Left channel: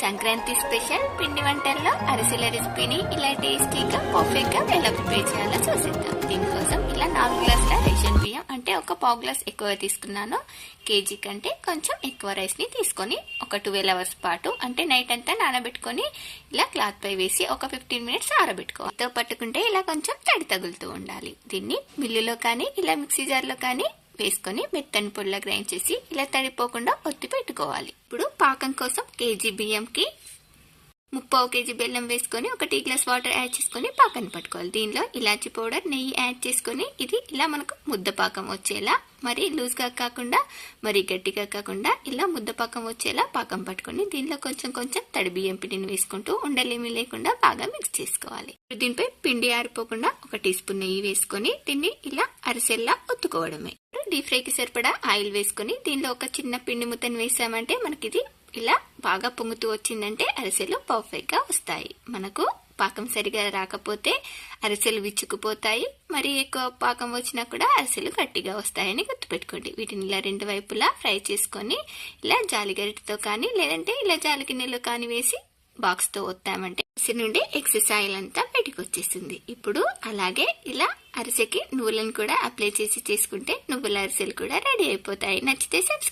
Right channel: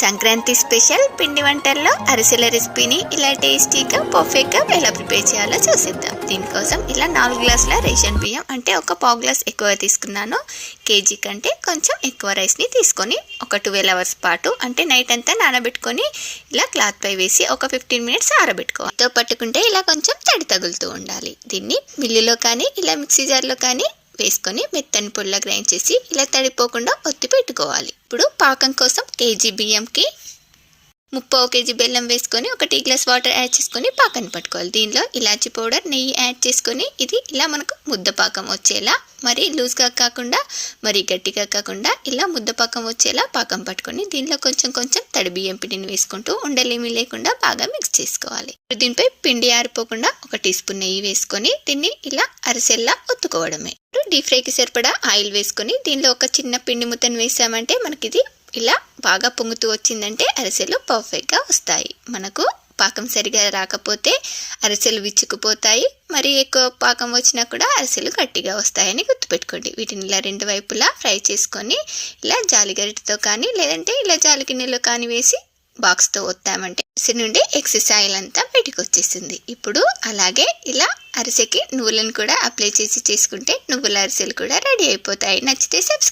Sankranti special పిండి వంటల్లో అరిసెల రెసిపీని ఇలా టేస్టీగా పర్ఫెక్ట్గా ఎలా ప్రిపేర్ చేయాలో చూసిద్దాం. దీనికోసం ఇలా 4 గ్లాసుల రేషన్ బియ్యం అంటే ఒక పావు గ్లాస్ ఎక్కువ తీసుకున్నాను. కేజీ కంటే కొంచెం ఎక్కువ రైస్ని తీసుకొని ఒక 12 అవర్స్ పాటు అంటే నైట్ అంతా నానబెట్టుకొని ఇలా క్లాత్ పై వేసి ఒక 15 మినిట్స్ ఆరబెట్టుకోవాలి. తో పట్టుకుంటే ఇలా కొంచెం తడి తగులుతూ ఉండాలి. దీన్ని మిల్లులో కానీ ఇలా మిక్సీ జార్లో కానీ వేసుకొని మెత్తని పొడిలా గ్రైండ్ చేసి ఇలా తడిపోకుండా ఒత్తి పెట్టుకోవాలి. ఇప్పుడు పాకం కోసం కేజీ బియ్యంకి 3/4 కేజీ బెల్లం వేసుకొని ఒక టీ గ్లాస్ వాటర్ యాడ్ చేసుకొని పాకాన్ని పట్టుకోవాలి. దీనిలో ఇలాచి పౌడర్, నెయ్యి యాడ్ చేసుకొని ఇది ఇలా మనకు ముద్ద పాకం వచ్చేలా, మరి లూజ్గా కాకుండా మరి గట్టిగా కాకుండా ఇలా ముద్ద పాకం వచ్చేలా పాకం పట్టుకొని దీనిలో కొంచెం కొంచెం తడి బియ్యం పిండిని వేసుకుంటూ ఉండలేమి లేకుండా బాగా మిక్స్ చేసుకోవాలి. దీనిపై పిండి ఆరిపోకుండా ఒక టీ స్పూన్ నెయ్యి వేసుకొని దీన్ని ఇలా అరిసెల్లా ఒత్తుకోవడమే. డీప్ ఫ్రైకి సరిపడా ఆయిల్ వేసుకొని దీనిలో ఒక చిన్న పిండి ముద్దను వేసామంటే మనకి ఇది ఇలా బాగా పొంగుతూ వచ్చిందంటే అరిసెలు పర్ఫెక్ట్గా వస్తాయి. మనకు పాకం సరిగా రాకపోతే అరిసెలు విచ్చుకుపోతాయి, మరి ఎక్కువ పాకం వచ్చినా కూడా అరిసెలు గట్టిగా వస్తాయని గుర్తుపెట్టుకోండి. వీటిని ఇలా 2 వైపులా ఫ్రై చేసుకొని ఇలా జాలిగరిటతో కానీ లేదంటే ఇలా జాలి గిన్నెలో కానీ వేసి బాక్స్తో ఒత్తామంటే అరిసె నుండి ఎక్సెస్ ఆయిల్ అంతా బయటకు వచ్చేసింది. ఇప్పుడు అలాగే ఇలా అరిసెకి నువ్వులను కూడా అప్లై చేసి చేసుకుంటే నువ్వుల అరిసెలు కూడా రెడీ అయిపోతాయి. నచ్చితే సబ్స్క్రైబ్